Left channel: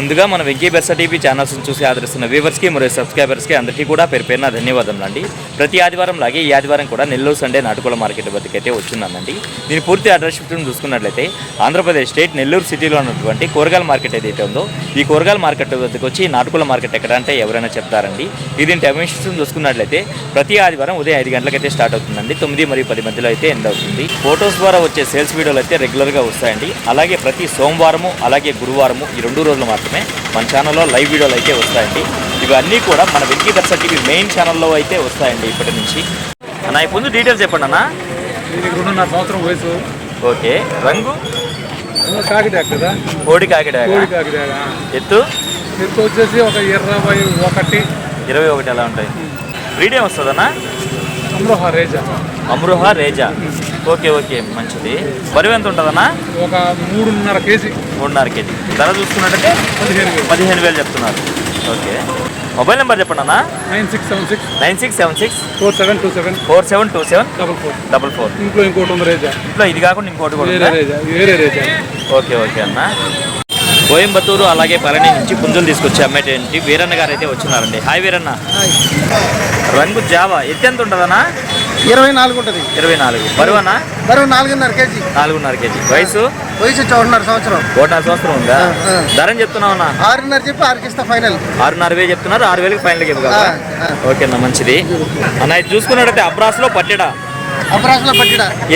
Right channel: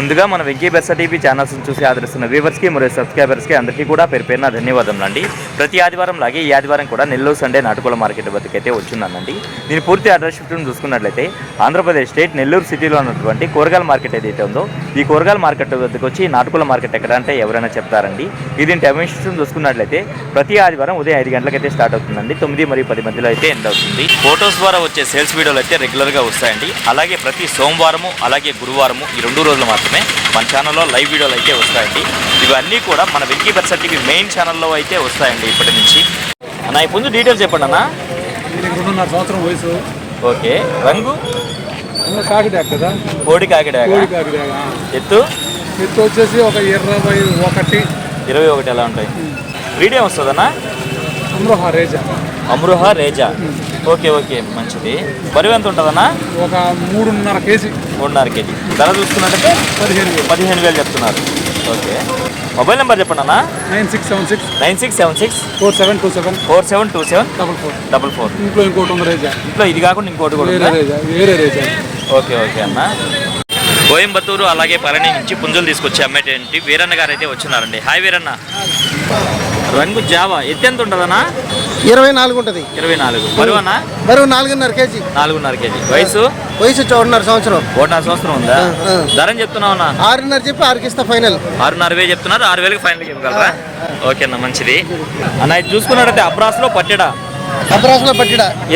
ముందుగా మన వెంకీ బెర్సా టీవీ ఛానల్స్ని చూసి ఆదరిస్తున్న వ్యూవర్స్కి మరియు సబ్స్క్రైబర్స్కి అందరికీ కూడా పేరున ధన్యవాదములు అండి. ప్రతి ఆదివారం లాగే ఈ ఆదివారం కూడా నెల్లూరు సండే నాటుకోళ్ల మార్కెట్ వద్దకైతే వచ్చిందనండి. దీని పూర్తి అడ్రస్ షిఫ్ట్ను చూసుకున్నట్లయితే ఆంధ్రప్రదేశ్ స్టేట్ నెల్లూరు సిటీలో ఉన్నటువంటి కూరగాయల మార్కెట్ ఏదైతే ఉందో ఈ కూరగాయల మార్కెట్ వద్దకు వచ్చి నాటుకోళ్ల మార్కెట్ ఎక్కడ అంటే ఎవరైనా చెప్తారండి. ఇది టైమింగ్ షిఫ్ట్ను చూసుకున్నట్లయితే ప్రతి ఆదివారం ఉదయం 5 గంటలకైతే స్టార్ట్ అవుతుందండి. 9 మరియు 10 మధ్యలో అయితే ఎండ్ అవుతుంది. ఫోటోస్ ద్వారా వచ్చే సేల్స్ వీడియోలు అయితే రెగ్యులర్గా వస్తాయండి. అలాగే ప్రతి సోమవారము అలాగే గురువారము ఈ 2 రోజులు మాత్రమే మన ఛానల్లో లైవ్ వీడియోలు అయితే వస్తాయండి. ఇవన్నీ కూడా మన వెంకీ బెర్సా టీవీ మెయిన్ ఛానల్లో అయితే వస్తాయండి ఇప్పటి నుంచి. అన్న ముందు డీటెయిల్స్ చెప్పండి అన్న. 2.5 సంవత్సరం వయసు. ఓకే. రంగు కాకిడా కదా, కోడి కాకిడా. ఎత్తు వచ్చేసి ఒక 21 ఎలా ఉంటాయి. బ్రీడ్ ఏం వస్తుందన్నా? అమ్రోహా రేజా. ఓకే ఓకే మంచిది. బరువు ఎంత ఉంటుందన్నా? ఒక 3.5 కేజీ. 3.5 కేజీ. ధర చూసుకున్నట్టయితే 15,000 చెప్తున్నారు. ఓకే. మొబైల్ నెంబర్ చెప్పండి అన్న. 9676 4727 44. ఇంట్లో ఇంకోటి ఉంది రేజా. ఇంట్లో ఇది కాకుండా ఇంకోటి కూడా ఉందా? ఓకే ఓకే అన్న. కోయంబత్తూరు అలాగే పళని నుంచి పుంజులు తీసుకొచ్చి అమ్మేటువంటి వీరన్న గారు అయితే వచ్చినారండి. హాయ్ వీరన్న. రంగు జావా. ఎత్తు ఎంత ఉంటుందన్నా? 24 ఉంటుంది. 24. బరువు అన్న? బరువు 4.5 కేజీ. 4.5 కేజీ. వయసు 1.5 సంవత్సరం. 1.5 సంవత్సరం ఉందా? ధర చెప్తున్నావు అన్న? 6.5 చెప్పి 6కి ఇస్తా ఫైనల్. 6.5 చెప్తున్నారు. 6,000కి ఫైనల్కి ఇవ్వగలరా? ఓకే అన్న మంచిది అన్న. ఇది చూసుకున్నట్టయితే అబ్రాస్లో పట్టెడా.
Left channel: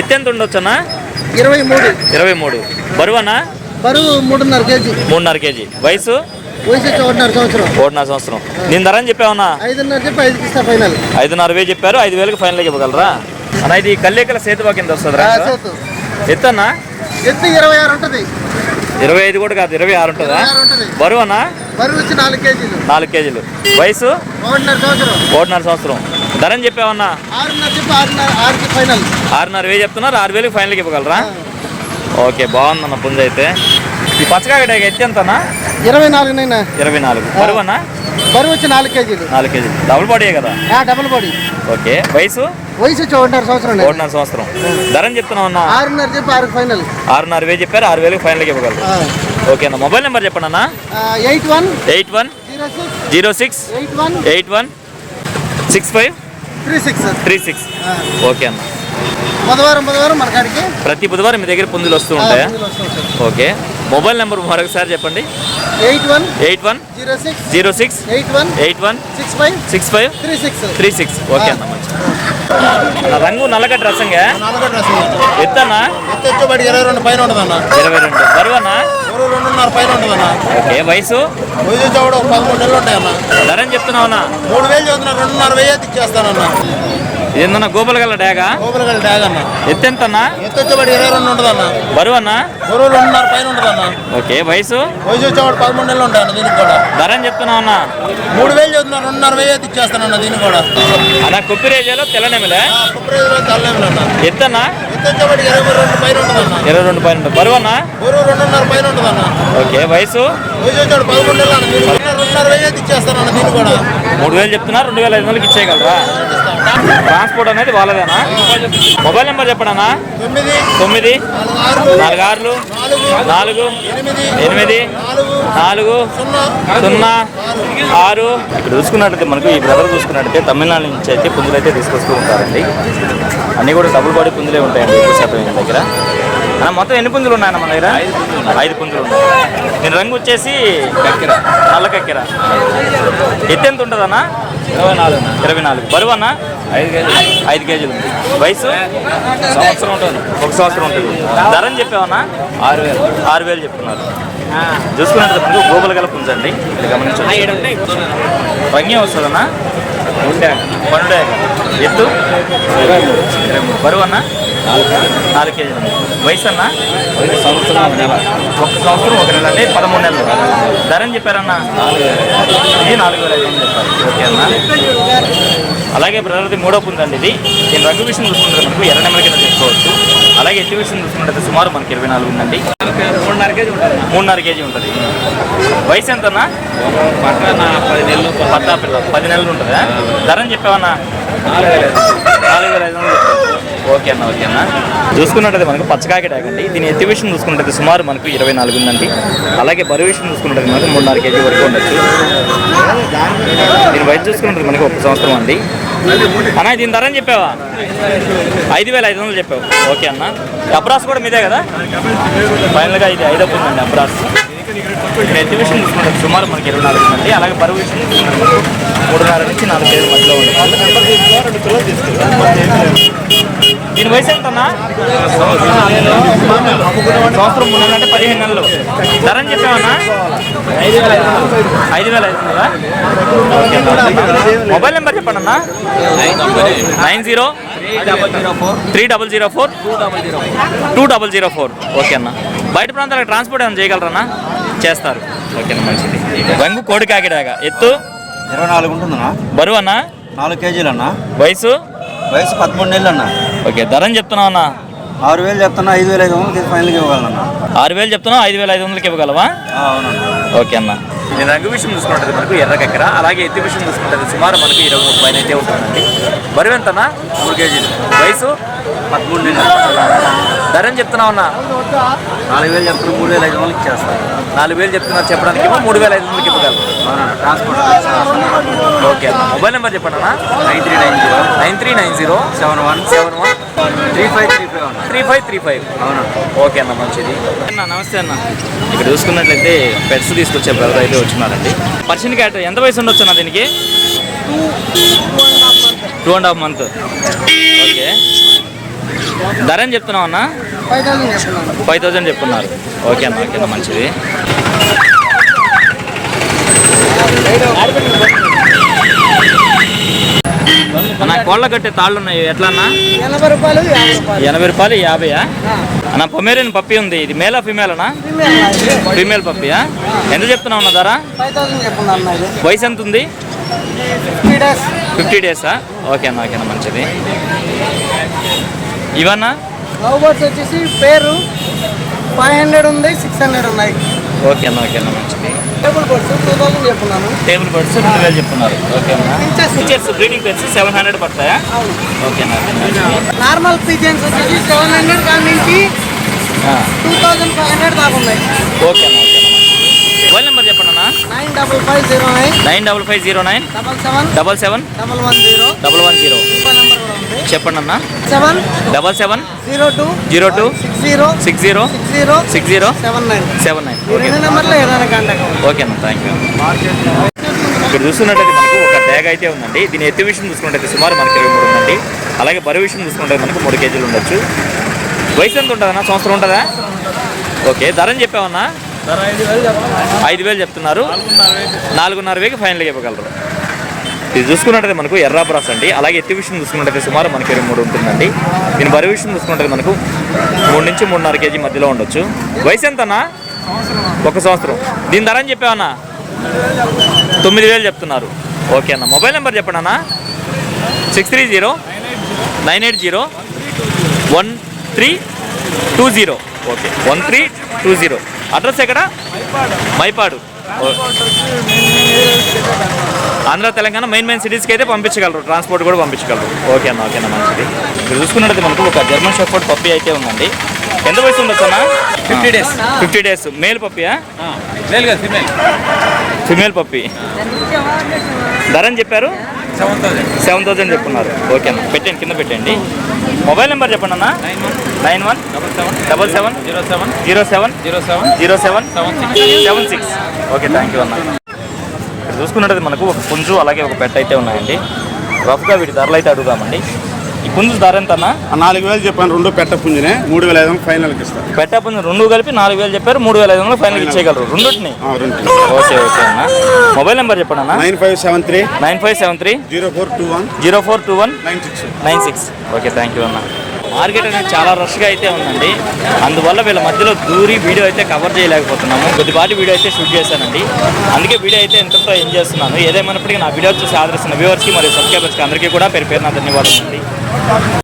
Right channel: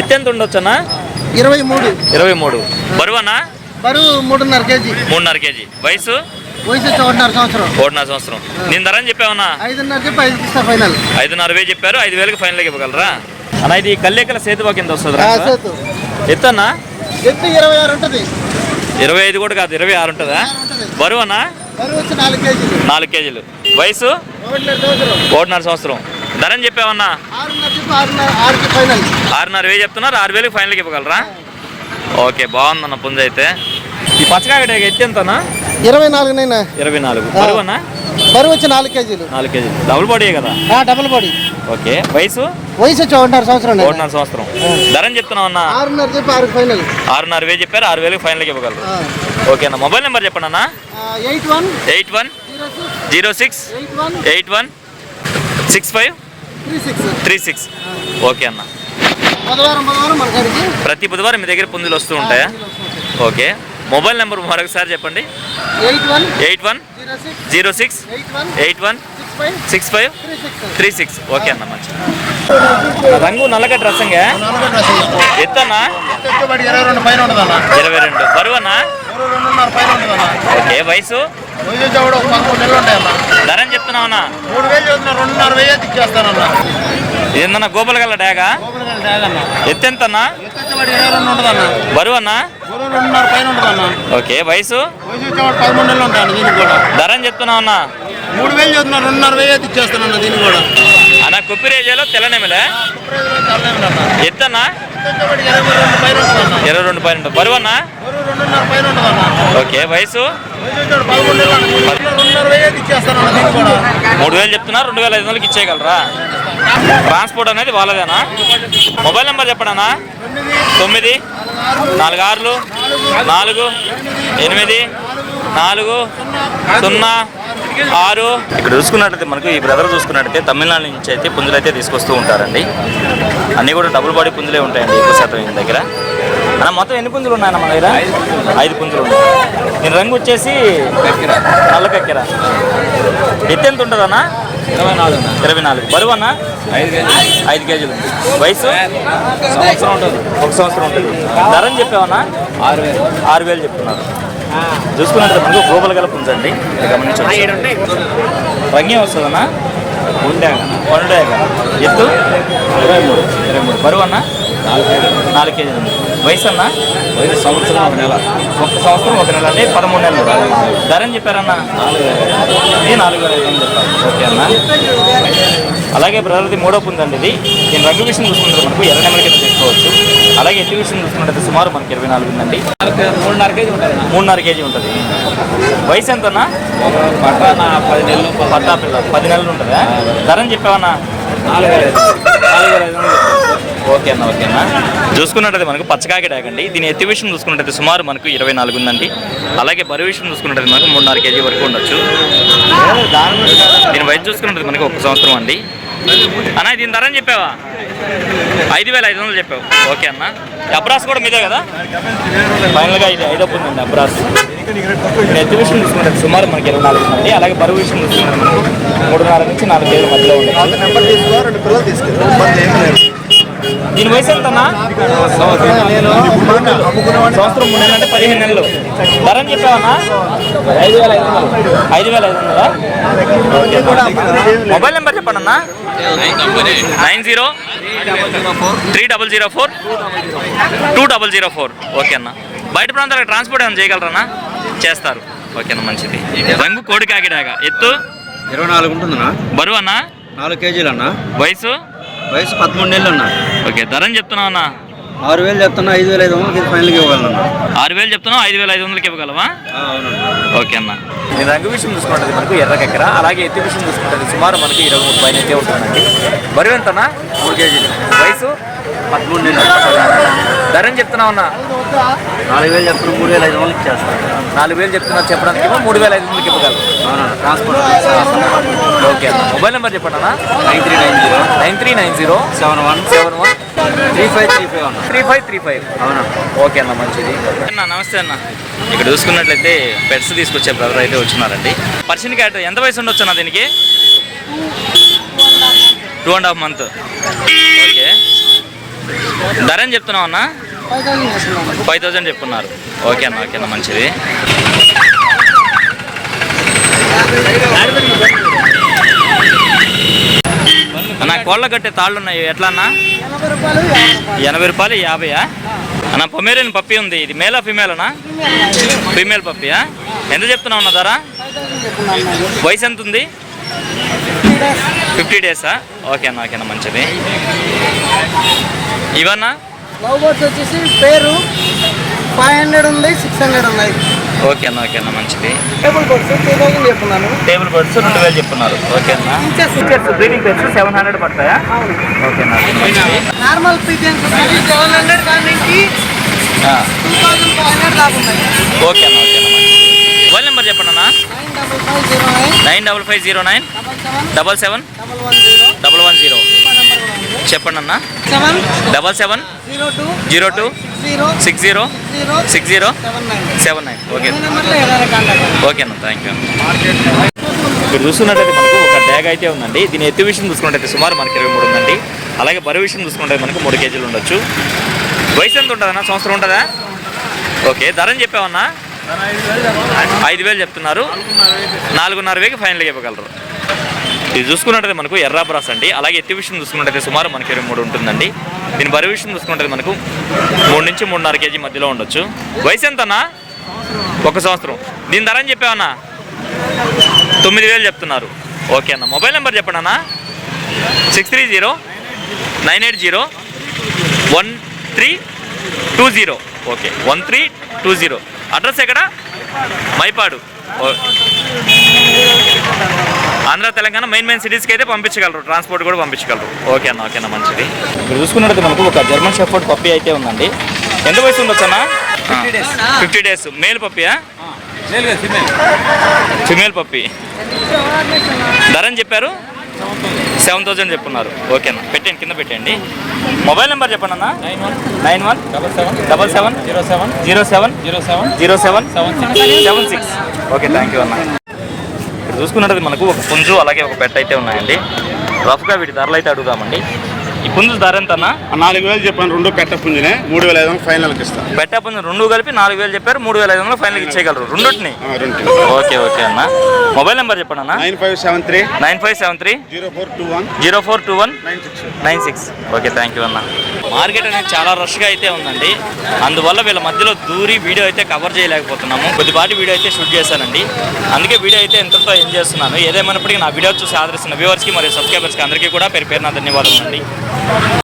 ఎత్తు ఎంత ఉండొచ్చు అన్న? 23. బరువు అన్న? బరువు 3.5 కేజీ. 3.5 కేజీ. వయసు 1.5 సంవత్సరం. నేను ధర అని చెప్పావన్నా? 5.5 చెప్పారు. 5,000కి ఫైనల్కి ఇవ్వగలరా అన్న? ఇది కల్లేకల సేతువా కింద వస్తుంది. ఎత్తు అన్న? ఎత్తు 26 ఉంటుంది. 25 కూడా కాదు, 26 ఉంటుందా? బరువు అన్న? బరువు వచ్చి 4 కేజీలు. వయసు 1.5 సంవత్సరం. ధర అని చెప్పావన్నా? 6.5 చెప్తున్నారు. 6,000కి ఫైనల్కి ఇవ్వగలరా? ఓకే బాగుందన్న పుంజ అయితే. ఈ పచ్చకాయ ఎత్తి ఎంతనా? 24. బరువు అన్న? బరువు వచ్చి 4 కేజీలు. డబుల్ బాడీ కదా? Double body. ఓకే. వయసు 1.5 సంవత్సరం. 1.5 సంవత్సరం. ధర అని చెప్తున్నావు అన్న? 6.5 చెప్పారు. 6,000కి ఫైనల్కి ఇవ్వగలరు. ఓకే అన్న. మొబైల్ నెంబర్ చెప్పండి అన్న. 81 06 81 65 36. ఓకే అన్న. ప్రతి బుధవారం మీ దగ్గర పుంజులు వస్తూ ఉంటాయా? ఓకే. మొబైల్ నెంబర్ మరొకసారి చెప్పండి. 81 06 81 65 36. ఓకే అన్న మంచి. రంగు నల్లగడ్డ రసంగా. ఎత్తన్నా? 22. బరువు అన్న? ఓకే. వయసు? ధర అని చెప్తున్నావు అన్న? 3,000 ఏందన్నా? గోపాల గల డాగా. ఎత్తు ఎంత అన్న? బరువు అన్న? ఓకే. వయసు? ధర అని చెప్తున్నావు అన్న? 3,000 అన్న కుప్పి రేజాలో తెల్లనెమలే. ఎత్తు అన్న? 22 పైన. బరువు అన్న? ఓకే. వయసు? 3,000 చెప్తున్నారు. 2,500కి ఇచ్చేయగలరా? ట్రాన్స్పోర్ట్ అనేది వాళ్ళదేనా? మొబైల్ నెంబర్ చెప్పండి అన్న. 9 46 4 8 4 0 6. ఇక్కడ చూసుకున్నట్లయితే మనకు ఈ బ్రదర్ చూసుకున్నట్టయితే తమిళనాడు నుంచి అయితే పుంజులు అయితే తీసుకొస్తూ ఉంటారండి. అన్నీ కూడా డబుల్ బాడీ పుంజులే ఉంటాయండి ఎక్కువ శాతం ఈయన దగ్గర. అన్న మొత్తం ఎన్ని పుంజులు ఉన్నాయన్న మన దగ్గర? 5 పుంజులు ఉన్నాయి. నేను రంగు వచ్చేసి నల్ల కక్కెర. ఎత్తు ఎంత ఉంటుంది అన్న? 24. బరువు అన్న? 5 కేజీలు ఉంది. వయసు? 1 సంవత్సరం ఉంటుంది. ధర అని చెప్పావన్నా? 6,000 చెప్తున్నారు. చూసుకున్నట్టు మనకు గోబల గల పుంజండి. ఇక్కడ గమనించండి. రంగే వస్తుందన్నా? పండుగ. ఎత్తు? 23. బరువు అన్న? 4 కేజీలు ఉంది. వయసు అన్న? 1 సంవత్సరం 1 నెల. 1 సంవత్సరం 1 నెల అంటే 13 నెలలు. ధర అని చెప్పారన్నా? 4,000. ఇది 4,500 చెప్పారు. ఓకే అన్న. అలాగే బ్రదర్ది 3వ పుంజండి ఇది. దీని రంగు విషయం చూసుకుంటే మనకు ఎర్ర నెమల కింద చేసుకోవచ్చు. అలాగే ఎత్తు విషయం చూసుకున్నట్టయితే సుమారు మనకి 24 ఉందండి. 3.5 కేజీ ఉంటుంది. వయసు ఎంతన్నా? పట్టా పిల్ల 10 నెలలు ఉంటుందా? ధర అని చెప్పావన్నా? 4,500 చెప్పారు. ఓకే అన్న చూసుకున్నట్టయితే మనకు పచ్చకాకి డాగండి. దీని ఎత్తు విషయం చూసుకున్నట్టయితే సుమారు మనకు 24 ఉందండి. అలాగే బరువు విషయం చూసుకున్నట్టయితే మనకు 3.5 kg వరకు ఉండొచ్చు. దీని వయసు చూసుకున్నట్టయితే మనకు 1 సంవత్సరం అండి. అన్న దీని ధర అని చెప్పావా? 5,500 చెప్పావు. ఓకే అన్న. అబ్రాస్ కూడా మీదే కదా? ఫైనల్గా ఇది 5 ఉందండి అబ్రాస్. దీని ఎత్తు విషయం చూసుకుంటే సుమారు మనకి 24 ఉందండి. అలాగే బరువు విషయం చూసుకుంటే మనకు 3.5 నుంచి 4 kg మధ్యలో ఉండదు. దీని వయసు ఎంత అన్న? సంవత్సరం 3 నెలలు అంటే 15 నెలలు. ధర అని చెప్పావన్నా? 5,500. ఓకే అన్న. మొబైల్ నెంబర్ చెప్పండి అన్న. 9030042004. ఓకే అన్న. బయట ప్రాంతాలకు ట్రాన్స్పోర్ట్ ఏమైనా చేయగలరన్నా? చేస్తారు. ఓకే అన్న, మంచిది. రంగు కోడి కాకిడాగా. ఎత్తు 24 ఉంటుందన్నా. బరువు అన్న 4 kg అన్న. వయసు 13 నెలలు అన్న. ఓకే. ధర అని చెప్తున్నావు అన్న? 6,000 చెప్తున్నా. 5,500 ఫైనల్గా ఇవ్వాలన్నా. 6,000 చెప్తున్నావు, 5,500 ఇవ్వగలవా? అవునన్నా. ఓకే అన్న. నేను రంగు విషయం చూసుకుంటుంది మనకు ఎర్ర కక్కర. అలాగే ఎత్తు విషయం చూసుకుంటుంది సుమారు మనకి 23 పైన అయితే ఉంటుందండి. బరువు ఎంతనా? 3 kg. వయసు 13 నెలలు. ధర అని చెప్తున్నావు అన్న? 4,000 చెప్తున్నా. 3,500 ఇచ్చేస్తాను. 4,000 చెప్తున్నారు చెప్పడానికి, 3,500 ఇవ్వగలరు. అవునన్నా. ట్రాన్స్పోర్ట్ ఓకే అన్న. మొబైల్ నెంబర్ చెప్పండి అన్న. 9390 9390 71 3535 అన్న. 3535. అవునన్నా. ఓకే అన్న, మంచిది అన్న. నమస్తే అన్న. ఇక్కడ చూసుకున్నట్లయితే పెట్స్ తీసుకొచ్చే బ్రదర్ అయితే వచ్చినారండి. పర్షియన్ క్యాట్ ఎంత వయసు ఉండొచ్చు అన్న దీనికి? 2.5 months. ఓకే. ధర అని చెప్తున్నావు అన్న? 5,000 చెప్పున్నారు. ఓకే అన్న. ఓకే అన్న, మంచిది. అన్న కోళ్ళ కట్టే తాళ్ళు ఉన్నాయి, ఎట్లా అన్న? 80 రూపాయలు 80 50. అన్న పొమేరియన్ పప్పి ఉంది. ఇది మేలా ఫీమేల్ అన్నా? ఫీమేల్ పప్పియా? ఎంత చెప్తున్నావు అన్న ధర? 5,000 చెప్పున్నాను. వయసు ఎంత ఉంది? 50 days. ఓకే అన్న. ఓకే అన్న, మంచిది. ఇవన్నా లవ్ బర్డ్స్ వచ్చేసి పేరు 500 ఉంది, 600 ఉన్నాయి. ఓకే అన్న. ఓకే అన్న, మంచిది. Table birds 2,000 చెప్పున్నాను. టేబుల్ బర్డ్స్ 2,000 చెప్తున్నారు. ఓకే అన్న. ఫీచర్స్ బ్రీడింగ్ పెట్స్ 700 పడతాయా? ఓకే అన్న. ఓకే అన్న, మంచిది. నార్మల్ పిజన్స్ వచ్చేసి 700 నుంచి 2,400 దాకా ఉన్నాయి. ఓకే అన్న. ఓకే అన్న, మంచిది. మొబైల్ నెంబర్ చెప్పండి అన్న. 95509 95509 77 77 110. 110. చెప్పండి అన్న. 7 77 02 02 60 60 79. 79. ఓకే. నెంబర్లో ఏదైనా కాంటాక్ట్. ఓకే అన్న, థ్యాంక్ యూ. ఇక్కడ చూస్తున్నట్టయితే మనకు ఒక డ్యాగ్ అయితే ఉందండి. దీని ఎత్తు విషయం చూసుకున్నట్టయితే సుమారు మనకి 23 ఉందండి. అలాగే బరువు విషయం చూసుకుంటే మనకు 3 kg ఉండొచ్చు. వయసు ఎంత ఉంటుందన్నా? సంవత్సరం ఉంటుందా? ఓకే. ధర అని చెప్పామన్నా? 5,000 చెప్తున్నారు. 4,500 ఫైనల్గా ఇవ్వగలరు. ఇది చూసుకున్నట్టయితే మనకు ఎర్ర బ్రాస్ అండి. అలాగే ఎత్తు విషయం చూసుకున్నట్టయితే సుమారు మనకి 23 ఉంటుందండి. దీని బరువు విషయం చూసుకున్నట్టయితే మనకు 3 నుంచి 3.5 kg మధ్యలో ఉండొచ్చు. వయసు ఎంతన్నా? 1 సంవత్సరం. దీని ధర అని చెప్పావన్నా? 9,000 చెప్తున్నారు. ఓకే అన్న. మొబైల్ నెంబర్ చెప్పండి అన్న. 630 980 1320. ఓకే, 1320. అడ్రస్ ఎక్కడ? మైపాడు. ఆంధ్ర తెలంగాణ మెయిన్ సిటీస్కి అయితే పంపించగలరు. ట్రాన్స్పోర్ట్ కూడా పంపించగలరు. ఓకే అన్న. ఓకే అన్న, మంచిది. ఇక్కడ చూసుకున్నట్టు మనకు ఒక జర్మన్ షెఫర్డ్ పప్పి అయితే ఉందండి. ఎంత వయసు ఉండొచ్చు అన్న? 50 days. మేల్ పప్పియా? ఫిమేల్ పప్పి. ధర అని చెప్పారు? 7,000 చెప్పున్నారు. ఓకే అన్న. పెట్టండి, కింద పెట్టండి. మొబైల్ నెంబర్ చెప్పండి అన్న. 9177070776. ఓకే, థ్యాంక్ యూ అన్న. ఇక్కడ చూసుకున్నట్టు మనకు ఒక పుంజు అలాగే ఒక పెట్ట అయితే ఉన్నాయండి. రఫ్గా వీటి ధరలు అయితే అడుగుదామండి. ఈ పుంజు ధర ఎంత అన్న? 4,000 చెప్పాను. 2 పెట్ట పుంజునే 3,500 ఫైనల్కి ఇస్తాను. పెట్ట పుంజు 2 కలిపి 4,000 చెప్పారు. 3,500 ఫైనల్కి ఇచ్చేయగలరు రెండుని. ఓకే ఓకే అన్న. మొబైల్ నెంబర్ చెప్పండి అన్న. 9573 0421 96. ఓకే, థ్యాంక్ యూ అన్న. మార్కెట్ అనేది చాలా రష్గా అయితే ఉందండి. అందువల్ల వీళ్ళ మధ్యలో దూరి వీడియో అయితే కవర్ చేయలేకపోతున్నాము. కొద్దిపాటి వీడియో అయితే షూట్ చేశానండి. అందుకే వీడియో అయితే ఎంతతో ఎంజాయ్ చేస్తున్నాను. ఏదేమైనప్పటికీ నా వీడియో చూసి ఆదరిస్తున్న వ్యూవర్స్కి మరియు సబ్స్క్రైబర్స్కి అందరికీ కూడా పేరు పేరున ధన్యవాదాలు అండి.